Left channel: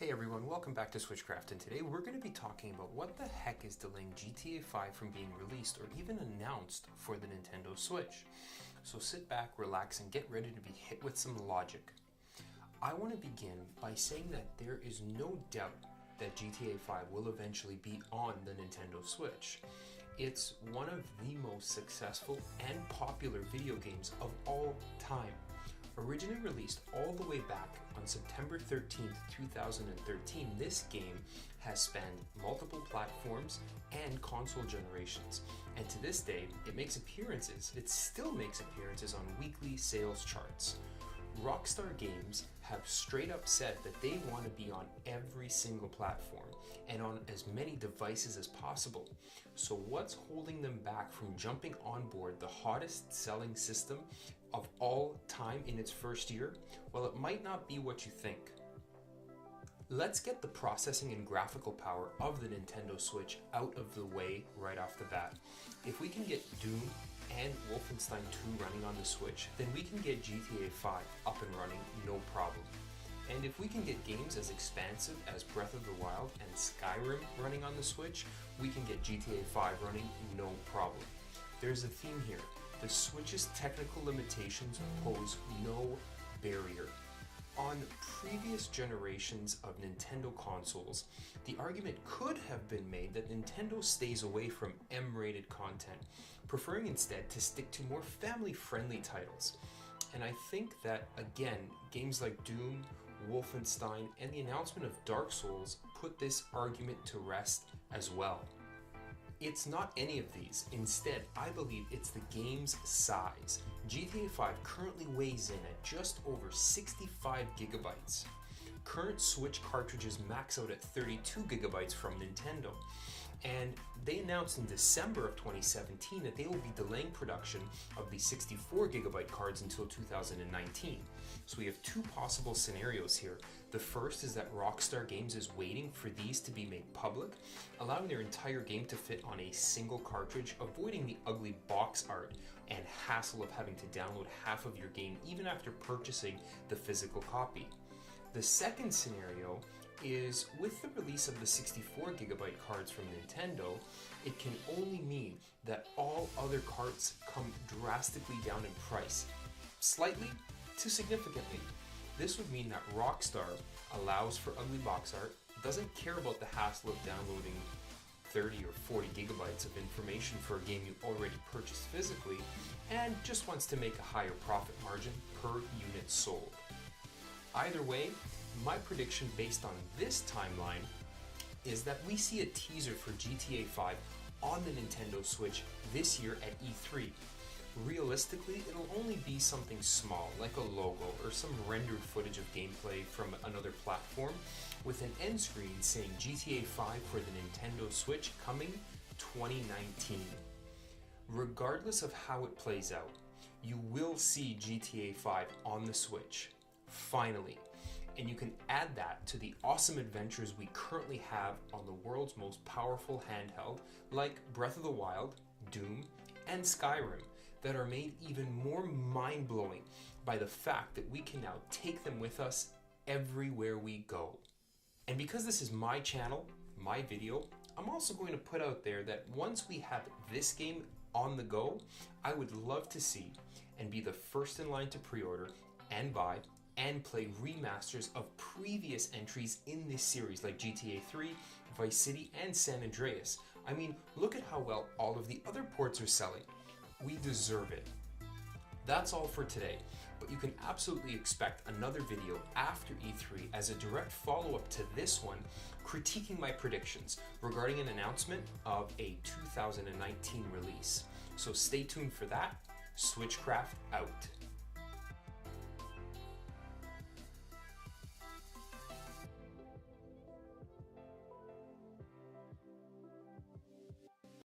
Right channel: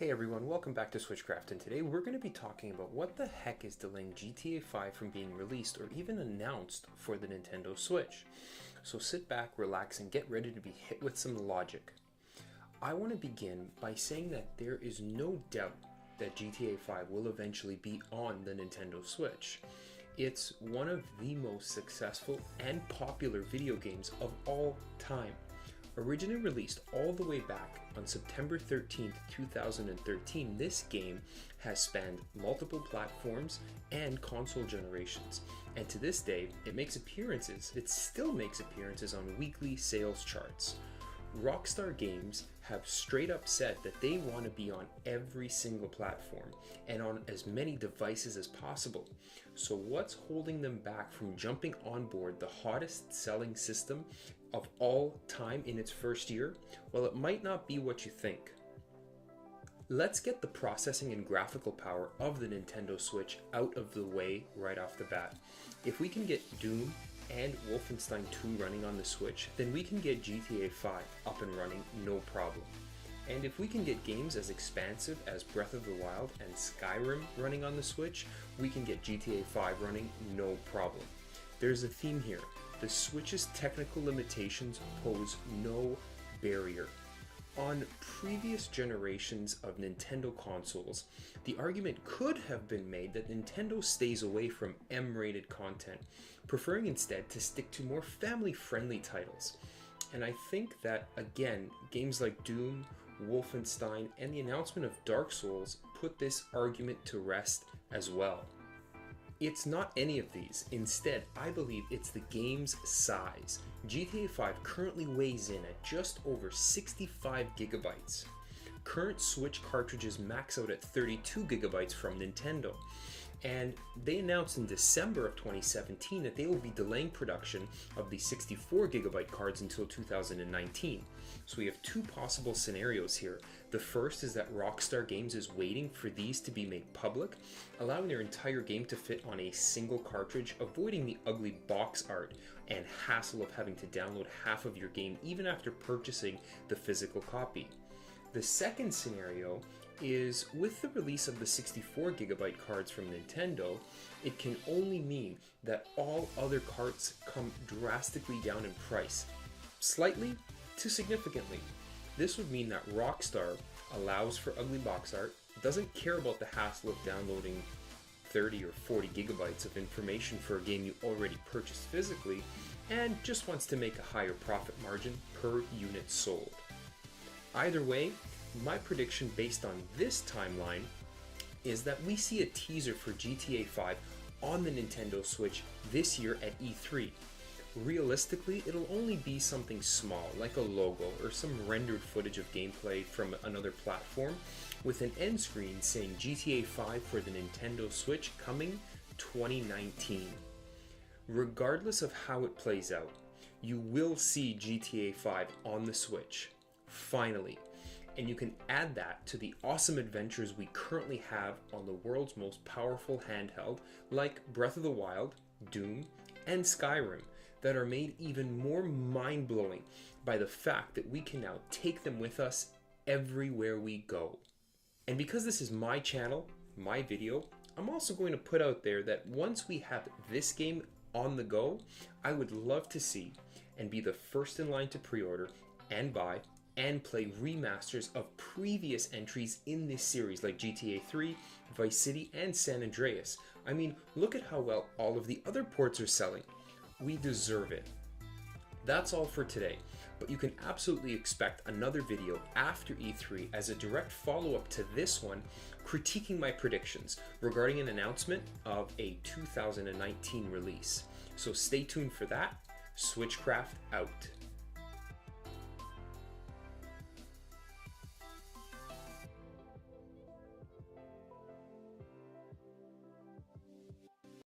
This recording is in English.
Hey everyone, welcome back to Switchcraft, and today we're going to be talking about what the heck is delaying GTA 5 from being released or even announced for the Nintendo Switch. So sit back, relax, and get ready to be hit with some logic. I want to begin by saying that there is no doubt that GTA 5 will eventually be on the Nintendo Switch. It's one of the most successful and popular video games of all time. Originally released all the way back on September 13th, 2013, this game has spanned multiple platforms and console generations. And to this day, it still makes appearances on weekly sales charts. Rockstar Games have straight up said that they want to be on every single platform and on as many devices as possible. So what's holding them back from jumping on board the hottest selling system of all time in its first year? Well, it might not be what you think. Let's get the processing and graphical power of the Nintendo Switch out of the way right off the bat. If we can get Doom and Wolfenstein 2 running on the Switch, then we can get GTA 5 up and running no problem. And if we can get games as expansive as Breath of the Wild and Skyrim running on the Switch, we can get GTA 5 running no problem. There's a theme here. The Switch's technical limitations pose no barrier. On previous generations of Nintendo consoles, the argument could have been made that Nintendo stays away from M-rated content, preferring instead to stick to more family-friendly titles. And I think that, again, games like Doom, Wolfenstein, and the announcement of Dark Souls put this argument to rest as well. It's not any of these. Instead, I believe it's the game's size. GTA 5 currently weighs in at just over 65 gigabytes. Current Switch cartridges max out at 32 gigabytes from Nintendo. And they announced in December of 2017 that they will be delaying production of the 64 gigabyte cards until 2019. So we have two possible scenarios here. The first is that Rockstar Games is waiting for these to be made public, allowing their entire game to fit on a single cartridge, avoiding the ugly box art and hassle of having to download half of your game even after purchasing the physical copy. The second scenario is with the release of the 64 gigabyte cards from Nintendo, it can only mean that all other cards come drastically down in price, slightly to significantly. This would mean that Rockstar allows for ugly box art, doesn't care about the hassle of downloading 30 or 40 gigabytes of information for a game you already purchased physically, and just wants to make a higher profit margin per unit sold. Either way, my prediction based on this timeline is that we see a teaser for GTA 5 on the Nintendo Switch this year at E3. Realistically, it'll only be something small, like a logo or some rendered footage of gameplay from another platform, with an end screen saying GTA 5 for the Nintendo Switch coming 2019. Regardless of how it plays out, you will see GTA 5 on the Switch, finally. And you can add that to the awesome adventures we currently have on the world's most powerful handheld, like Breath of the Wild, Doom, and Skyrim, that are made even more mind-blowing by the fact that we can now take them with us everywhere we go. And because this is my channel, my video, I'm also going to put out there that once we have this game on the go, I would love to see and be the first in line to pre-order and buy and play remasters of previous entries in this series like GTA 3, Vice City, and San Andreas. I mean, look at how well all of the other ports are selling. We deserve it. That's all for today, but you can absolutely expect another video after E3 as a direct follow-up to this one, critiquing my predictions regarding an announcement of a 2019 release. So stay tuned for that. Switchcraft out.